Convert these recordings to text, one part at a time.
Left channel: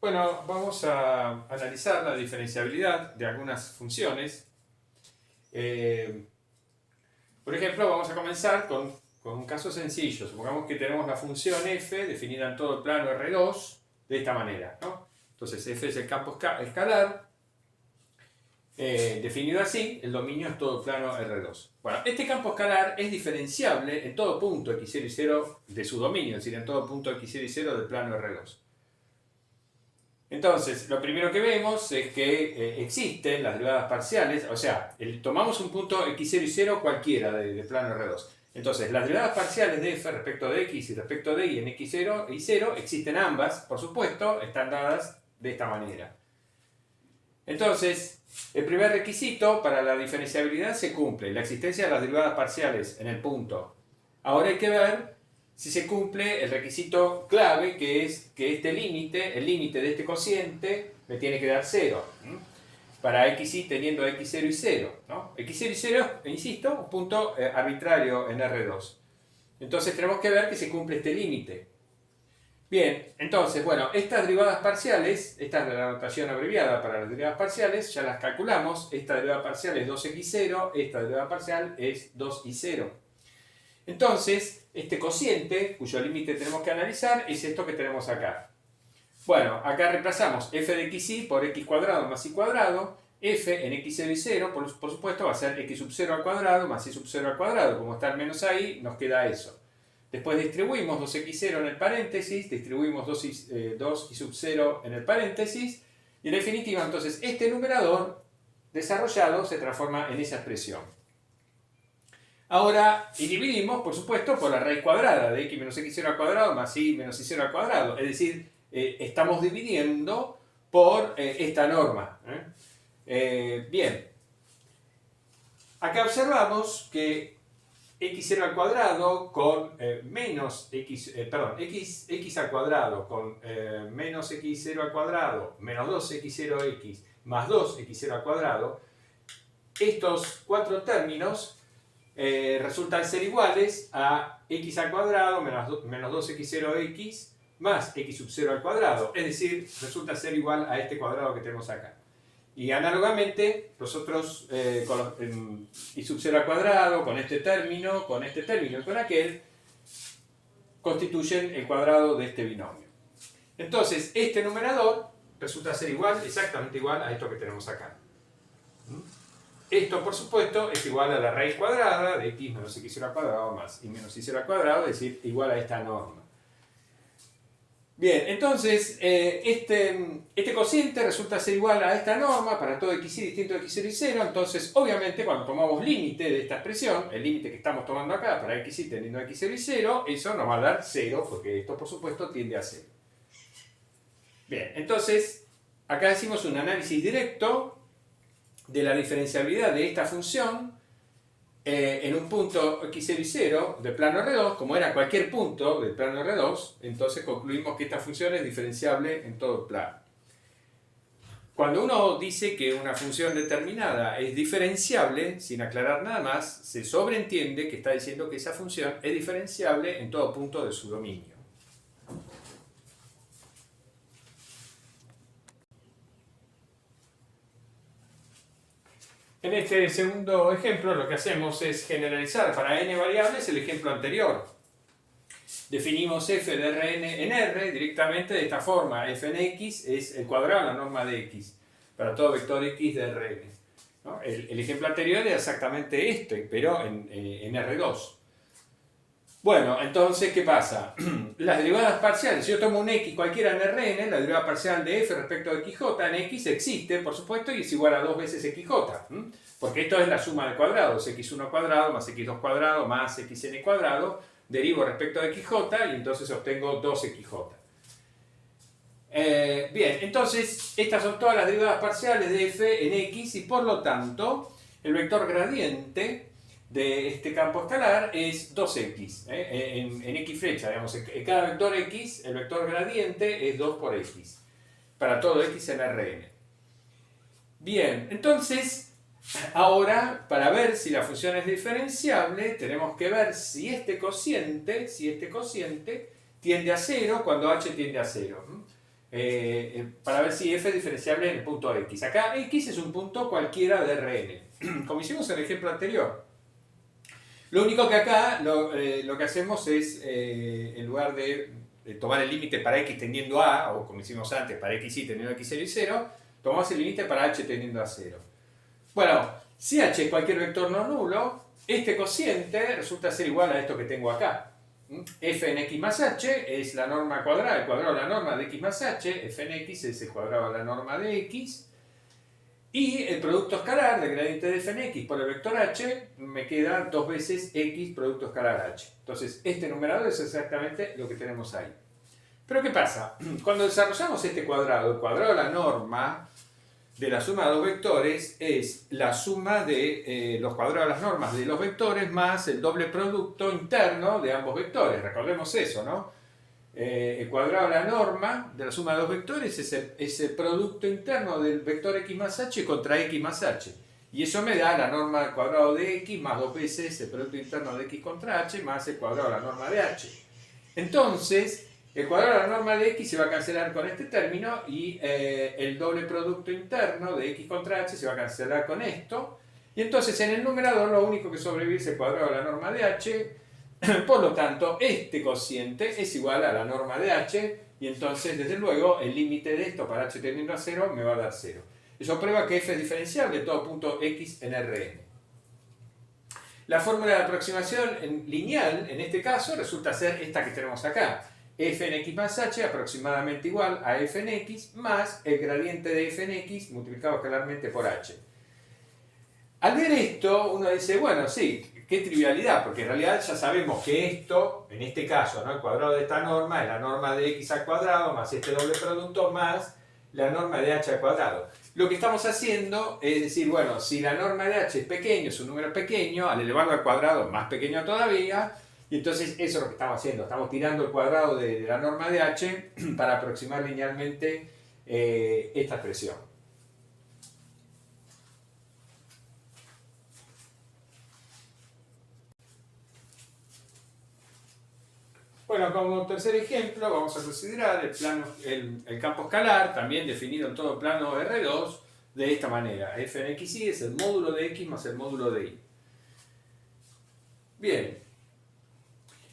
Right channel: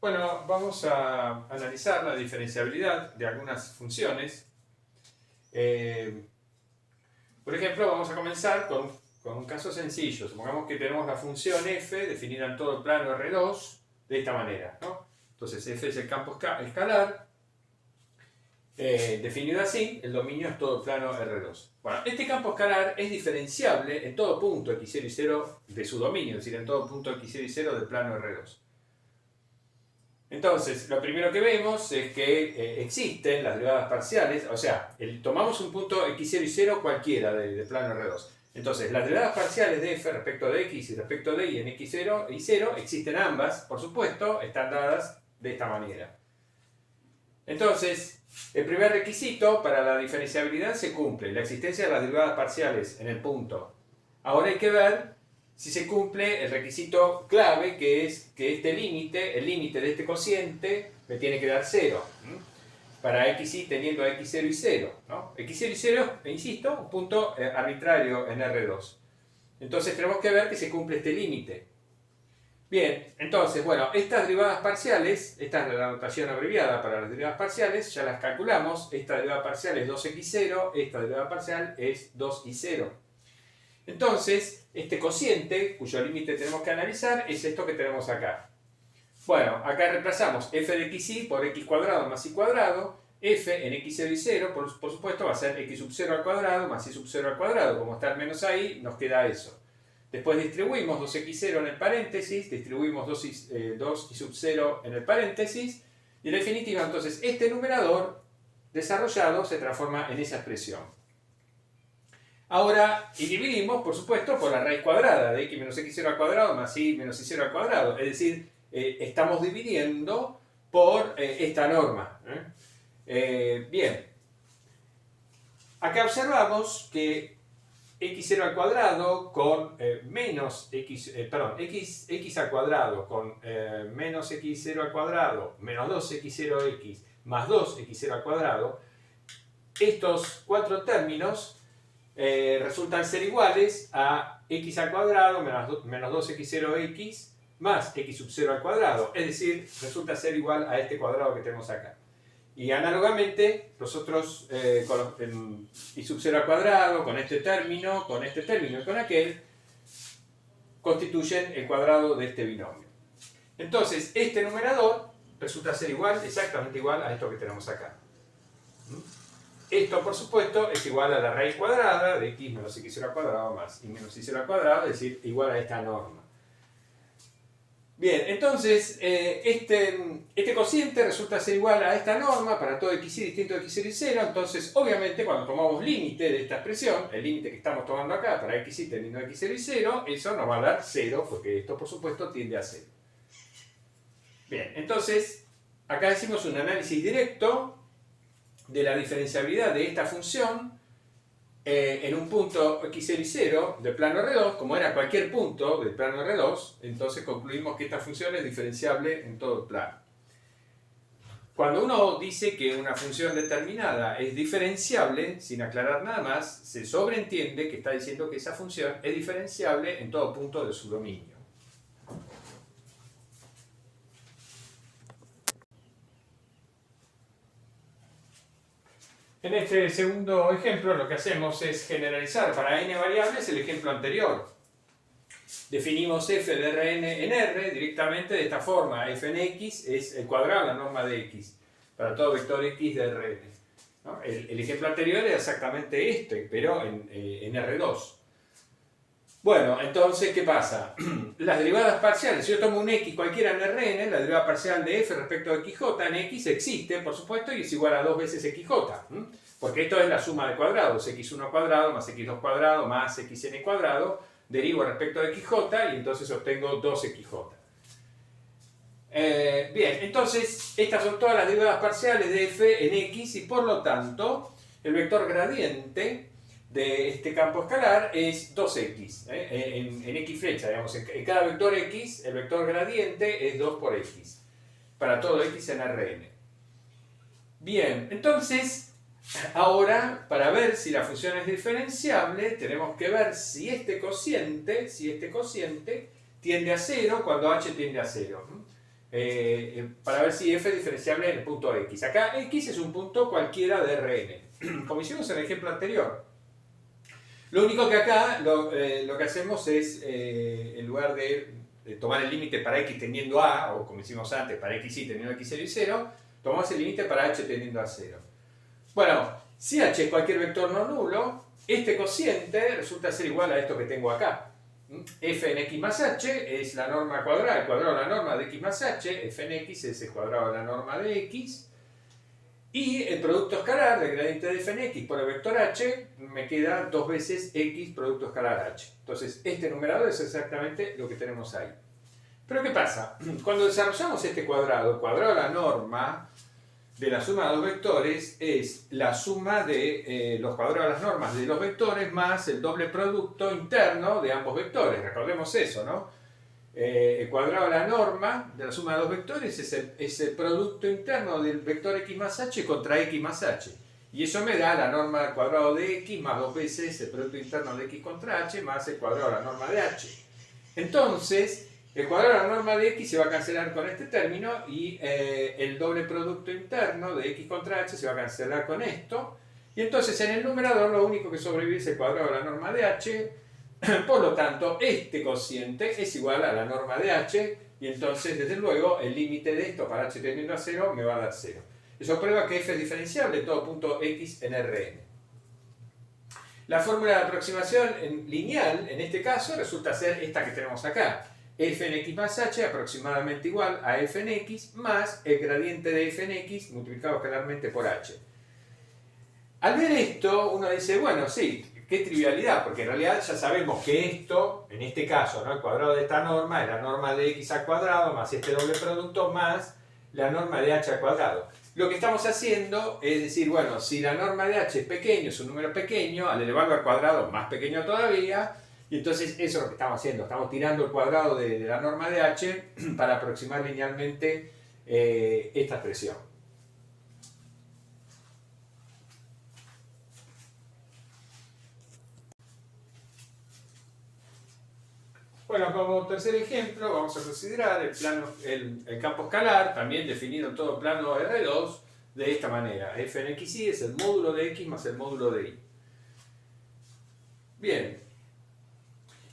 Bueno, vamos a analizar la diferenciabilidad de algunas funciones. Eh, por ejemplo, vamos a comenzar con un caso sencillo. Supongamos que tenemos la función f definida en todo el plano R2 de esta manera, ¿no? Entonces, f es el campo escalar. Definido así, el dominio es todo el plano R2. Bueno, este campo escalar es diferenciable en todo punto x0 y 0 de su dominio, es decir, en todo punto x0 y 0 del plano R2. Entonces, lo primero que vemos es que existen las derivadas parciales, o sea, tomamos un punto x0 y 0 cualquiera de plano R2. Entonces, las derivadas parciales de f respecto de x y respecto de y en x0 y 0 existen ambas, por supuesto, están dadas de esta manera. Entonces, el primer requisito para la diferenciabilidad se cumple, la existencia de las derivadas parciales en el punto. Ahora hay que ver si se cumple el requisito clave, que es que este límite, el límite de este cociente, me tiene que dar 0. Para xy teniendo a x0 y 0. ¿no? x0 y 0, insisto, un punto arbitrario en R2. Entonces tenemos que ver que se cumple este límite. Bien, entonces, bueno, estas derivadas parciales, esta es la notación abreviada para las derivadas parciales, ya las calculamos. Esta derivada parcial es 2x0, esta derivada parcial es 2y0. Entonces, este cociente, cuyo límite tenemos que analizar, es esto que tenemos acá. Bueno, acá reemplazamos f de xy por x cuadrado más y cuadrado. F en x0 y 0, por supuesto, va a ser x sub 0 al cuadrado más y sub 0 al cuadrado. Como está el menos ahí, nos queda eso. Después distribuimos 2x0 en el paréntesis, distribuimos 2 y sub 0 en el paréntesis, y en definitiva, entonces, este numerador desarrollado se transforma en esa expresión. Ahora, y dividimos, por supuesto, por la raíz cuadrada de x menos x0 al cuadrado más y menos y0 al cuadrado. Es decir, estamos dividiendo por esta norma. Bien. Acá observamos que x0 al cuadrado con menos x, x al cuadrado con menos x0 al cuadrado menos 2x0x más 2x0 al cuadrado, estos cuatro términos resultan ser iguales a x al cuadrado menos 2x0x más x sub 0 al cuadrado, es decir, resulta ser igual a este cuadrado que tenemos acá. Y análogamente, nosotros con y sub 0 al cuadrado, con este término y con aquel, constituyen el cuadrado de este binomio. Entonces, este numerador resulta ser igual, exactamente igual a esto que tenemos acá. Esto, por supuesto, es igual a la raíz cuadrada de x menos x0 al cuadrado más y menos y0 al cuadrado, es decir, igual a esta norma. Bien, entonces, este cociente resulta ser igual a esta norma para todo xy distinto de x0 y 0, entonces, obviamente, cuando tomamos límite de esta expresión, el límite que estamos tomando acá para xy teniendo x0 y 0, eso nos va a dar 0, porque esto, por supuesto, tiende a 0. Bien, entonces, acá hicimos un análisis directo de la diferenciabilidad de esta función en un punto x0 y 0 del plano R2, como era cualquier punto del plano R2, entonces concluimos que esta función es diferenciable en todo el plano. Cuando uno dice que una función determinada es diferenciable, sin aclarar nada más, se sobreentiende que está diciendo que esa función es diferenciable en todo punto de su dominio. En este segundo ejemplo lo que hacemos es generalizar para n variables el ejemplo anterior. Definimos f de Rn en R directamente de esta forma. F en x es el cuadrado de la norma de x para todo vector x de Rn. ¿no? El ejemplo anterior era exactamente este, pero en R2. Bueno, entonces, ¿qué pasa? Las derivadas parciales, si yo tomo un x cualquiera en Rn, la derivada parcial de f respecto de xj en x existe, por supuesto, y es igual a 2 veces xj. Porque esto es la suma de cuadrados, x1 cuadrado más x2 cuadrado más xn cuadrado, derivo respecto de xj y entonces obtengo 2xj. Bien, entonces estas son todas las derivadas parciales de f en x y por lo tanto el vector gradiente de este campo escalar es 2x, en x flecha, digamos, en cada vector x el vector gradiente es 2 por x, para todo x en Rn. Bien, entonces, ahora, para ver si la función es diferenciable, tenemos que ver si este cociente tiende a 0 cuando h tiende a 0. para ver si f es diferenciable en el punto x. Acá x es un punto cualquiera de Rn, como hicimos en el ejemplo anterior. Lo único que acá lo que hacemos es, en lugar de tomar el límite para x tendiendo a, o como hicimos antes, para x y teniendo x0 y 0, tomamos el límite para h tendiendo a 0. Bueno, si h es cualquier vector no nulo, este cociente resulta ser igual a esto que tengo acá. F en x más h es la norma cuadrada, el cuadrado de la norma de x más h, f en x es el cuadrado de la norma de x, y el producto escalar del gradiente de f en x por el vector h me queda 2 veces x producto escalar h. Entonces, este numerador es exactamente lo que tenemos ahí. Pero ¿qué pasa? Cuando desarrollamos este cuadrado, el cuadrado de la norma de la suma de dos vectores es la suma de los cuadrados de las normas de los vectores más el doble producto interno de ambos vectores. Recordemos eso, ¿no? El cuadrado de la norma de la suma de dos vectores es el producto interno del vector x más h contra x más h. Y eso me da la norma al cuadrado de x más 2 veces el producto interno de x contra h más el cuadrado de la norma de h. Entonces, el cuadrado de la norma de x se va a cancelar con este término y el doble producto interno de x contra h se va a cancelar con esto. Y entonces en el numerador lo único que sobrevive es el cuadrado de la norma de h. Por lo tanto, este cociente es igual a la norma de h y entonces, desde luego, el límite de esto para h tendiendo a 0 me va a dar 0. Eso prueba que f es diferenciable en todo punto x en Rn. La fórmula de aproximación lineal, en este caso, resulta ser esta que tenemos acá. F en x más h aproximadamente igual a f en x más el gradiente de f en x multiplicado escalarmente por h. Al ver esto, uno dice, bueno, sí, qué trivialidad, porque en realidad ya sabemos que esto, en este caso, ¿no? El cuadrado de esta norma es la norma de x al cuadrado más este doble producto más la norma de h al cuadrado. Lo que estamos haciendo es decir, bueno, si la norma de h es pequeño, es un número pequeño, al elevarlo al cuadrado más pequeño todavía, y entonces eso es lo que estamos haciendo, estamos tirando el cuadrado de la norma de h para aproximar linealmente esta expresión. Bueno, como tercer ejemplo vamos a considerar el campo escalar, también definido en todo plano R2, de esta manera. F en xy es el módulo de x más el módulo de y. Bien.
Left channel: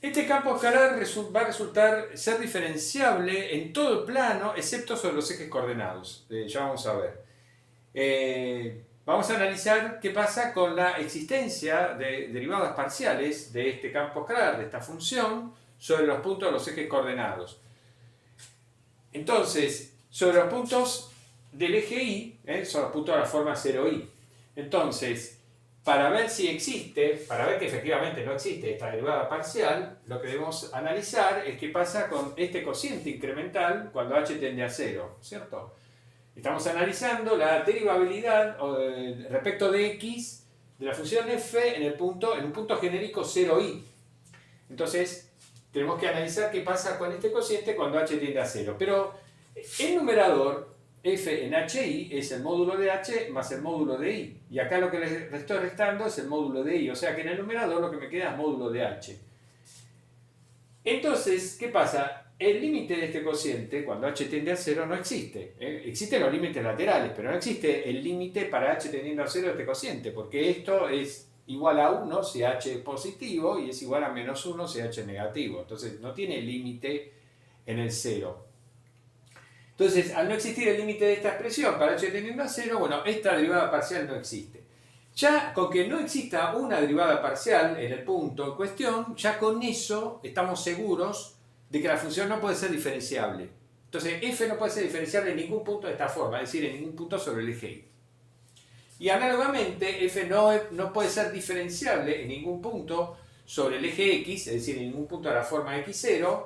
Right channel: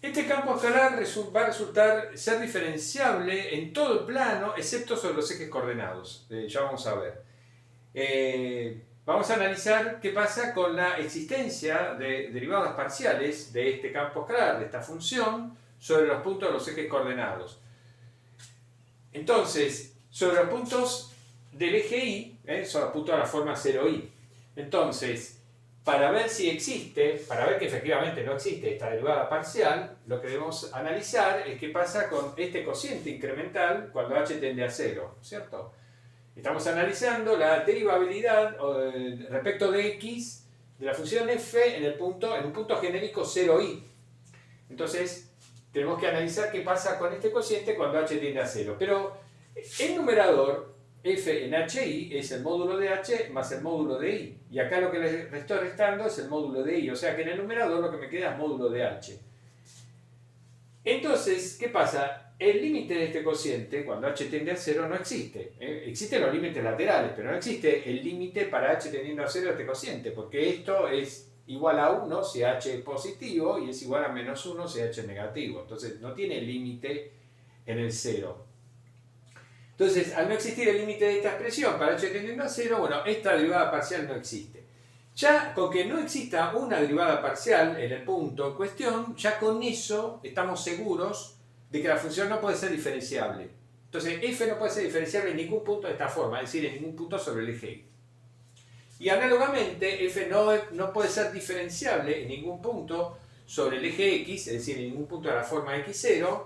Este campo escalar va a resultar ser diferenciable en todo el plano, excepto sobre los ejes coordenados. Ya vamos a ver. Vamos a analizar qué pasa con la existencia de derivadas parciales de este campo escalar, de esta función, sobre los puntos de los ejes coordenados. Entonces, sobre los puntos del eje y, son los puntos de la forma 0i. Entonces, para ver si existe, para ver que efectivamente no existe esta derivada parcial, lo que debemos analizar es qué pasa con este cociente incremental cuando h tiende a 0, ¿cierto? Estamos analizando la derivabilidad respecto de x de la función f en un punto genérico 0i. Entonces, tenemos que analizar qué pasa con este cociente cuando h tiende a 0. Pero el numerador, f en hi, es el módulo de h más el módulo de i. Y acá lo que le estoy restando es el módulo de i. O sea que en el numerador lo que me queda es módulo de h. Entonces, ¿qué pasa? El límite de este cociente, cuando h tiende a 0, no existe. Existen los límites laterales, pero no existe el límite para h tendiendo a 0 de este cociente, porque esto es igual a 1 si h es positivo y es igual a menos 1 si h es negativo. Entonces no tiene límite en el 0. Entonces, al no existir el límite de esta expresión para h tendiendo a 0, bueno, esta derivada parcial no existe. Ya con que no exista una derivada parcial en el punto en cuestión, ya con eso estamos seguros de que la función no puede ser diferenciable. Entonces, f no puede ser diferenciable en ningún punto de esta forma, es decir, en ningún punto sobre el eje y. Y análogamente, f no puede ser diferenciable en ningún punto sobre el eje x, es decir, en ningún punto de la forma x0,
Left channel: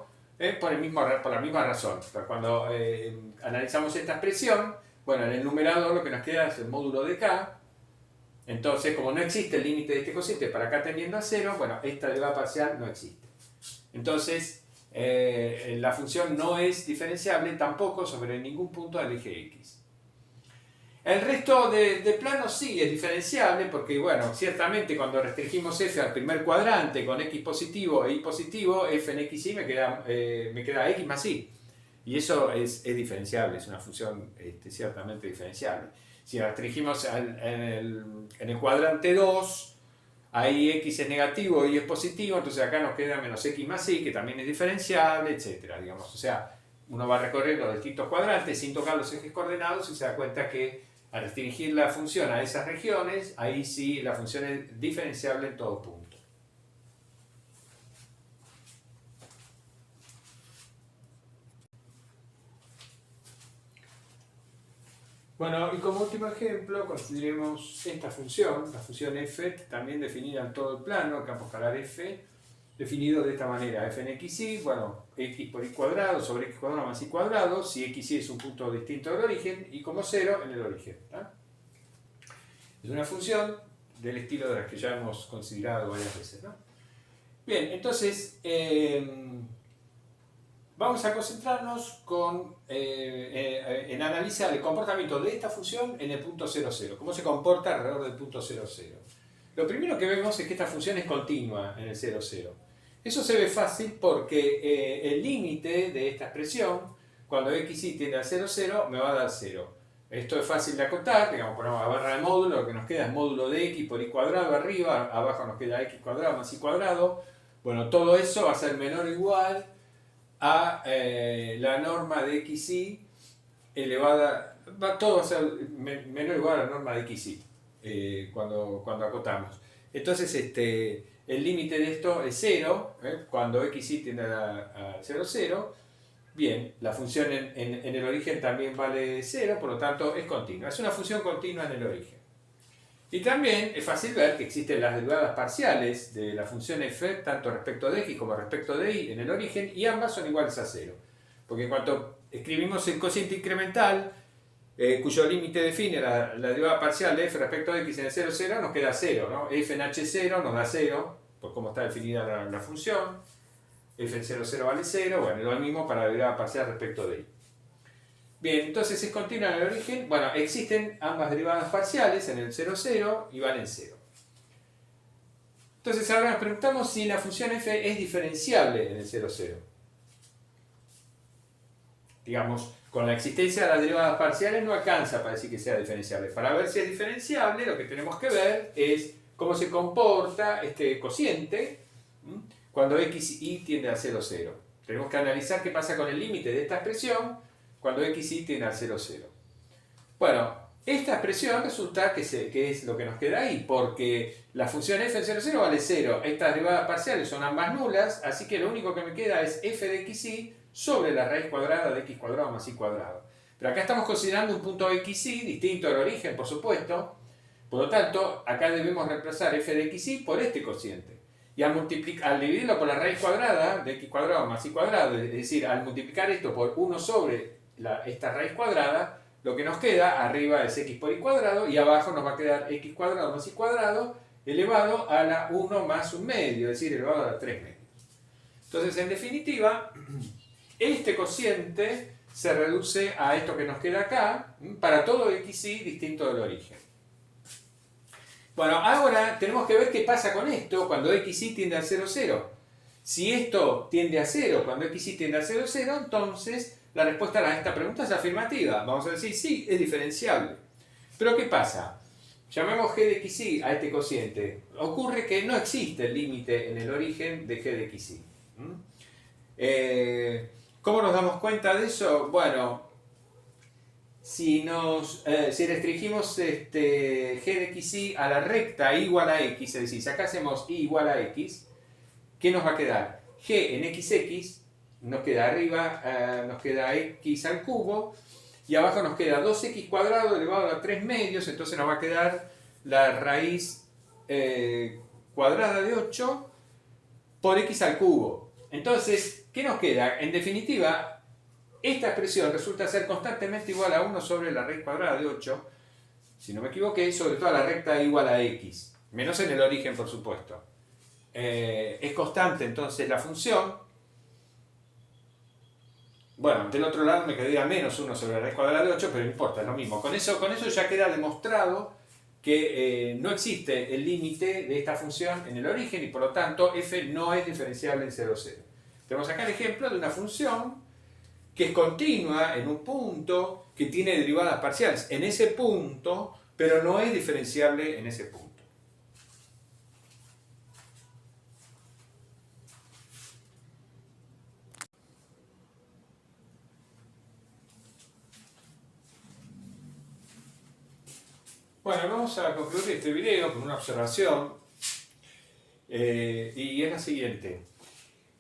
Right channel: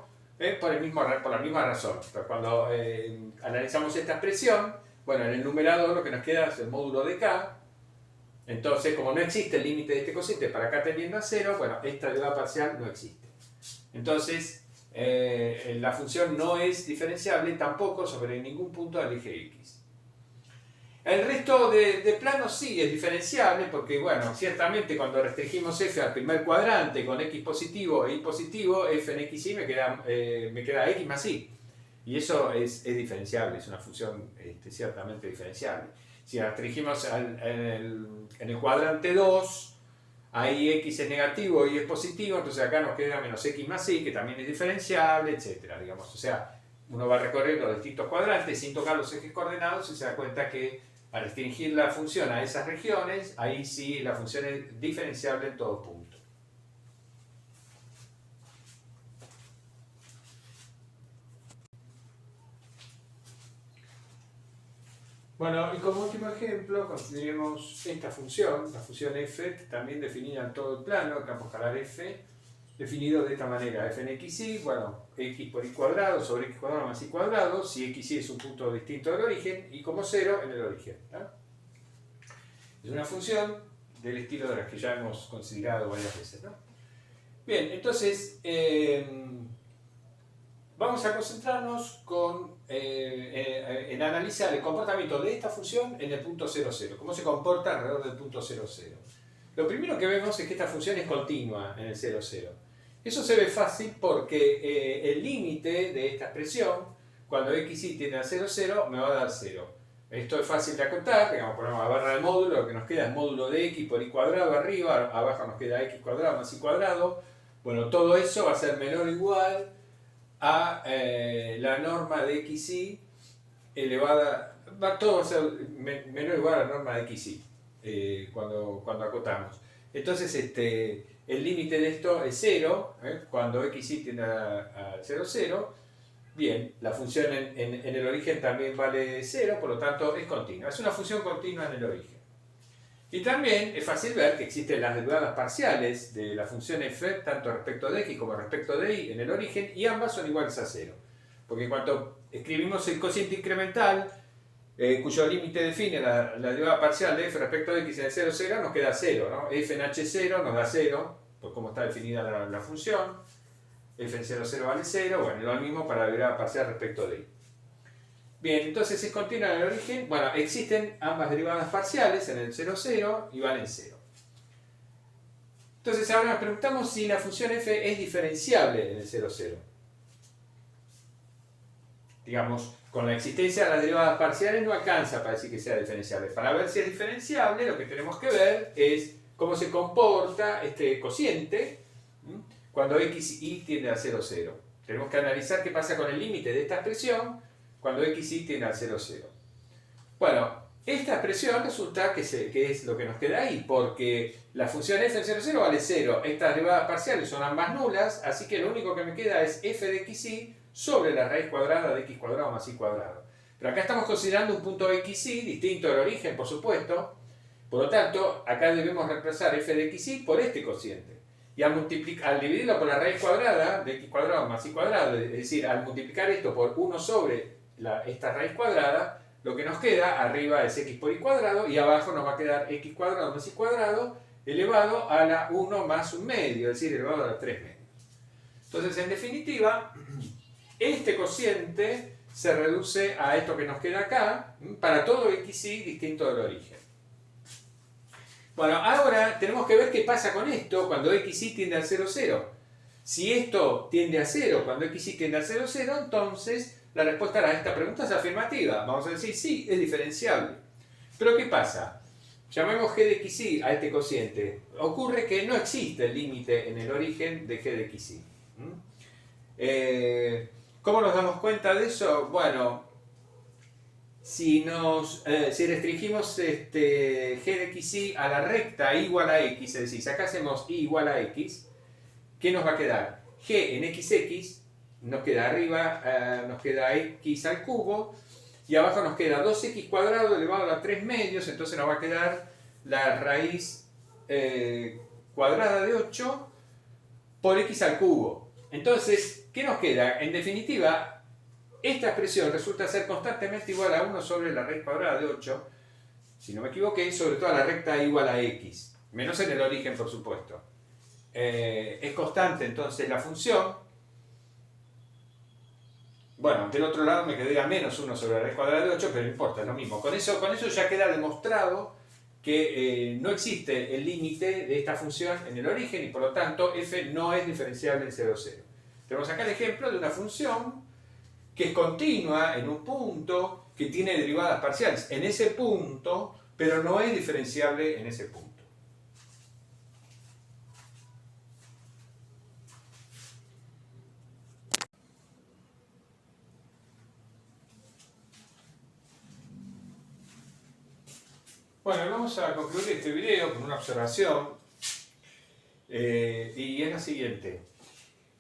por la misma razón. Cuando analizamos esta expresión, bueno, en el numerador lo que nos queda es el módulo de k. Entonces, como no existe el límite de este cociente para k tendiendo a 0, bueno, esta derivada parcial no existe. Entonces, la función no es diferenciable tampoco sobre ningún punto del eje x. El resto de planos sí es diferenciable porque, bueno, ciertamente cuando restringimos f al primer cuadrante con x positivo e y positivo, f en x y me queda x más y. Y eso es diferenciable, es una función ciertamente diferenciable. Si la restringimos en el cuadrante 2, ahí x es negativo y es positivo, entonces acá nos queda menos x más y, que también es diferenciable, etcétera, digamos. O sea, uno va a recorrer los distintos cuadrantes sin tocar los ejes coordenados y se da cuenta que al restringir la función a esas regiones, ahí sí la función es diferenciable en todo punto. Bueno, y como último ejemplo, consideremos esta función, la función f, también definida en todo el plano, campo escalar f, definido de esta manera: f en xy, bueno, x por y cuadrado sobre x cuadrado más y cuadrado, si xy es un punto distinto del origen, y como 0 en el origen. ¿No? Es una función del estilo de las que ya hemos considerado varias veces. ¿No? Bien, entonces, vamos a concentrarnos en analizar el comportamiento de esta función en el punto 0, 0. Cómo se comporta alrededor del punto 0, 0. Lo primero que vemos es que esta función es continua en el 0, 0. Eso se ve fácil porque el límite de esta expresión, cuando xy tiende a 0, 0, me va a dar 0. Esto es fácil de acotar, digamos, ponemos la barra de módulo, lo que nos queda es módulo de x por y cuadrado arriba, abajo nos queda x cuadrado más y cuadrado. Bueno, todo eso va a ser menor o igual a la norma de xy elevada, todo va a ser menor o igual a la norma de xy cuando acotamos. Entonces el límite de esto es 0, cuando xy tiende a 0, 0. Bien, la función en el origen también vale 0, por lo tanto es continua. Es una función continua en el origen. Y también es fácil ver que existen las derivadas parciales de la función f, tanto respecto de x como respecto de y en el origen, y ambas son iguales a 0. Porque cuando escribimos el cociente incremental, cuyo límite define la derivada parcial de f respecto de x en el 0, 0, nos queda 0, ¿no? F en h0 nos da 0, por cómo está definida la función. F en 0, 0 vale 0, bueno, y lo mismo para la derivada parcial respecto de y. Bien, entonces es continua en el origen. Bueno, existen ambas derivadas parciales en el 0, 0 y valen 0. Entonces ahora nos preguntamos si la función f es diferenciable en el 0, 0. Digamos, con la existencia de las derivadas parciales no alcanza para decir que sea diferenciable. Para ver si es diferenciable, lo que tenemos que ver es cómo se comporta este cociente cuando xy tiende a 0, 0. Tenemos que analizar qué pasa con el límite de esta expresión cuando xy tiende a 0, 0. Bueno, esta expresión resulta que es lo que nos queda ahí, porque la función f en 0, 0 vale 0. Estas derivadas parciales son ambas nulas, así que lo único que me queda es f de xy sobre la raíz cuadrada de x cuadrado más y cuadrado. Pero acá estamos considerando un punto xy distinto del origen, por supuesto. Por lo tanto, acá debemos reemplazar f de xy por este cociente. Y al dividirlo por la raíz cuadrada de x cuadrado más y cuadrado, es decir, al multiplicar esto por 1 sobre esta raíz cuadrada, lo que nos queda arriba es x por y cuadrado y abajo nos va a quedar x cuadrado más y cuadrado elevado a la 1 más un medio, es decir, elevado a la 3 medios. Entonces, en definitiva, este cociente se reduce a esto que nos queda acá para todo xy distinto del origen. Bueno, ahora tenemos que ver qué pasa con esto cuando xy tiende a 0, 0. Si esto tiende a 0 cuando xy tiende a 0, 0, entonces la respuesta a esta pregunta es afirmativa. Vamos a decir, sí, es diferenciable. Pero ¿qué pasa? Llamemos g de xy a este cociente. Ocurre que no existe el límite en el origen de g de xy. ¿Cómo nos damos cuenta de eso? Bueno, si restringimos g de xy a la recta igual a x, es decir, si acá hacemos y igual a x, ¿qué nos va a quedar? G en xx nos queda arriba, nos queda x al cubo, y abajo nos queda 2x cuadrado elevado a 3 medios, entonces nos va a quedar la raíz cuadrada de 8 por x al cubo. Entonces, ¿qué nos queda? En definitiva, esta expresión resulta ser constantemente igual a 1 sobre la raíz cuadrada de 8, si no me equivoqué, sobre toda la recta igual a x, menos en el origen, por supuesto. Es constante entonces la función. Bueno, del otro lado me quedaría menos 1 sobre la raíz cuadrada de 8, pero no importa, es lo mismo. Con eso ya queda demostrado que no existe el límite de esta función en el origen y por lo tanto f no es diferenciable en 0, 0. Tenemos acá el ejemplo de una función que es continua en un punto que tiene derivadas parciales en ese punto, pero no es diferenciable en ese punto. Bueno, vamos a concluir este video con una observación y es la siguiente.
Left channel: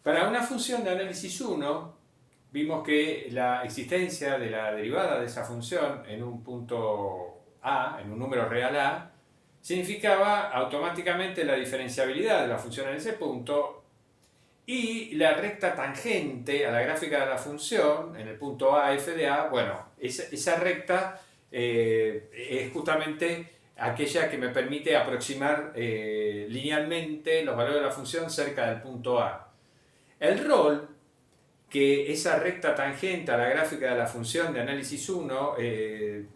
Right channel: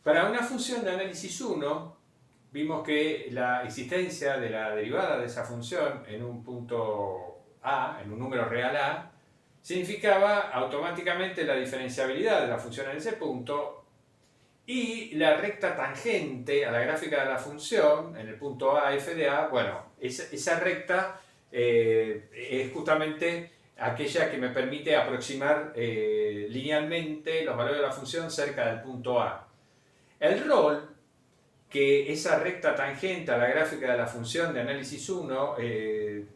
Para una función de análisis 1, vimos que la existencia de la derivada de esa función en un punto A, en un número real A, significaba automáticamente la diferenciabilidad de la función en ese punto y la recta tangente a la gráfica de la función en el punto A, f de A, bueno, esa recta es justamente aquella que me permite aproximar linealmente los valores de la función cerca del punto A. El rol que esa recta tangente a la gráfica de la función de análisis 1, en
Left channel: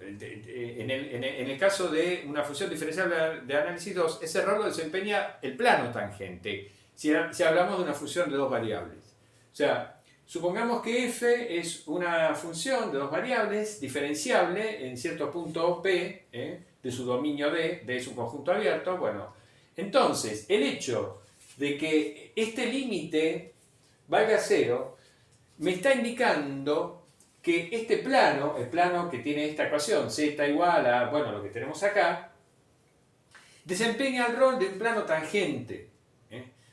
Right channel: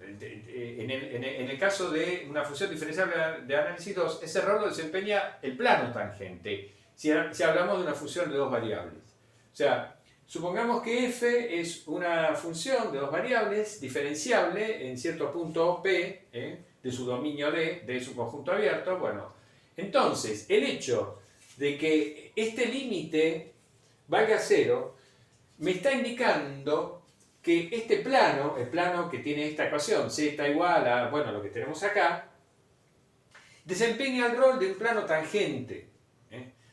el caso de una función diferencial de análisis 2, ese rol lo desempeña el plano tangente, si hablamos de una función de dos variables. O sea, supongamos que f es una función de dos variables diferenciable en cierto punto P, de su dominio D, de su conjunto abierto. Bueno, entonces, el hecho de que este límite valga 0, me está indicando que este plano, el plano que tiene esta ecuación, z igual a, bueno, lo que tenemos acá, desempeña el rol de un plano tangente.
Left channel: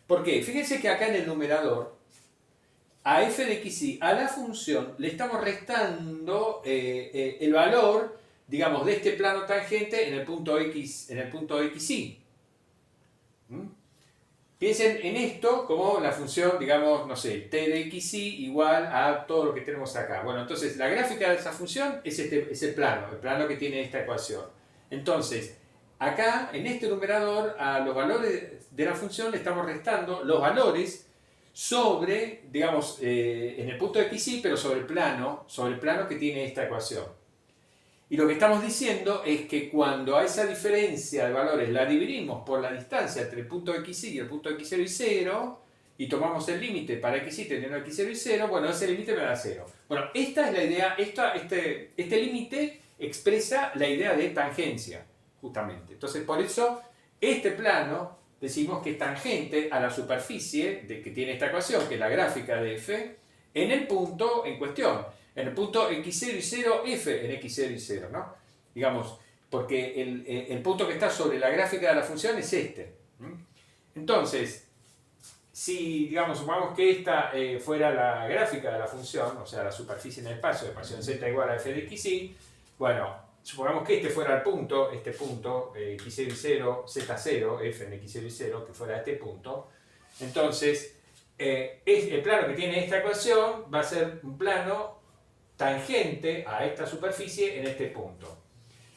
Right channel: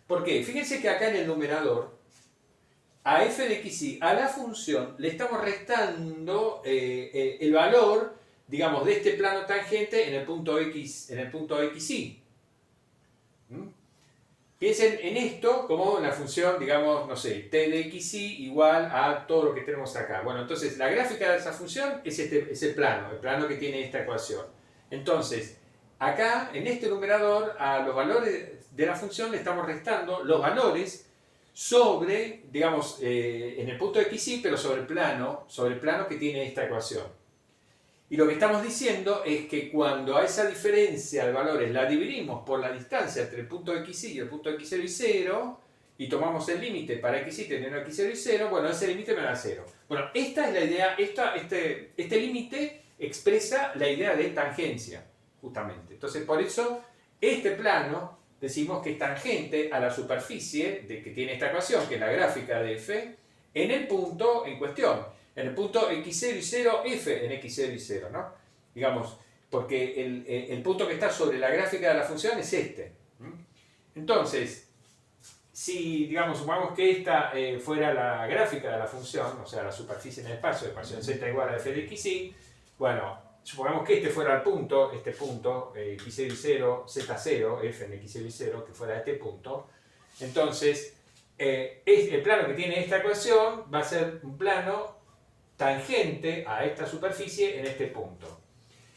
¿Por qué? Fíjense que acá en el numerador, a f de xy, a la función, le estamos restando el valor, digamos, de este plano tangente en el punto x, en el punto xy. Piensen en esto como la función, digamos, no sé, t de xy igual a todo lo que tenemos acá. Bueno, entonces la gráfica de esa función es el plano que tiene esta ecuación. Entonces, acá, en este numerador, a los valores de la función le estamos restando los valores sobre, digamos, en el punto xy, pero sobre el plano que tiene esta ecuación. Y lo que estamos diciendo es que cuando a esa diferencia de valores la dividimos por la distancia entre el punto xy y el punto x0 y 0, y tomamos el límite para xy teniendo x0 y 0, bueno, ese límite me da 0. Bueno, esta es la idea, este límite expresa la idea de tangencia, justamente. Entonces, por eso, este plano decimos que es tangente a la superficie que tiene esta ecuación, que es la gráfica de f, en el punto en cuestión. En el punto x0 y 0, f en x0 y 0, ¿no? Digamos, porque el punto que está sobre la gráfica de la función es este. Entonces, si, digamos, supongamos que esta fuera la gráfica de la función, o sea, la superficie en el espacio, de ecuación z igual a f de xy, bueno, supongamos que este fuera el punto, este punto, x0 y 0, z0, f en x0 y 0, que fuera este punto, entonces, el plano que tiene esta ecuación va a ser un plano tangente a esta superficie en este punto.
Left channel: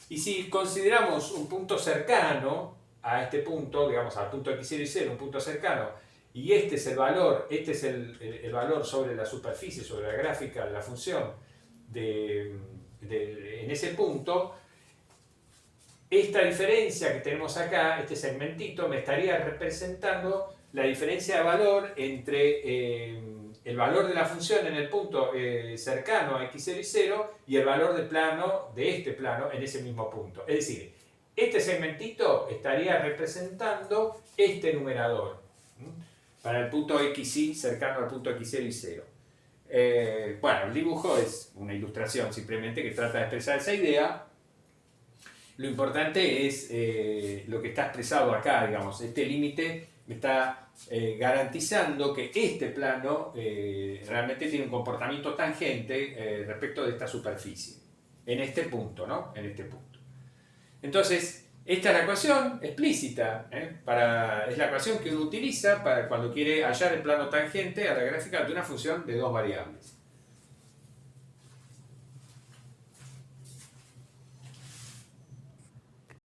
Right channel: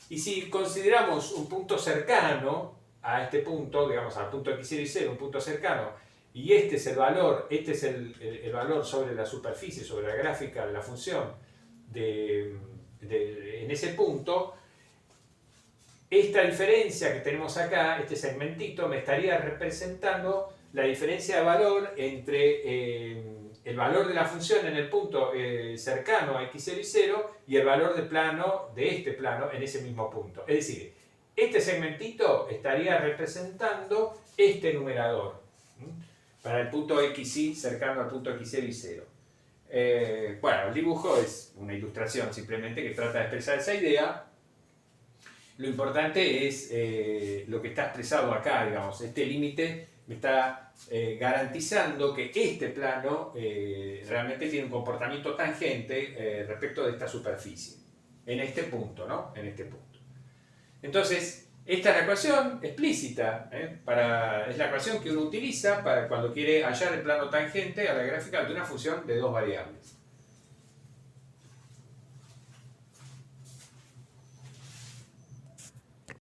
Y si consideramos un punto cercano a este punto, digamos al punto x0 y 0, un punto cercano, y este es el valor, el valor sobre la superficie, sobre la gráfica de la función en ese punto, esta diferencia que tenemos acá, este segmentito, me estaría representando la diferencia de valor entre el valor de la función en el punto cercano a x0 y 0 y el valor de plano de este plano en ese mismo punto. Es decir, este segmentito estaría representando este numerador para el punto xy cercano al punto x0 y 0. Bueno, el dibujo es una ilustración simplemente que trata de expresar esa idea. Lo importante es lo que está expresado acá, digamos, este límite me está garantizando que este plano realmente tiene un comportamiento tangente respecto de esta superficie, en este punto, ¿no? En este punto. Entonces, esta es la ecuación explícita, es la ecuación que uno utiliza para cuando quiere hallar el plano tangente a la gráfica de una función de dos variables.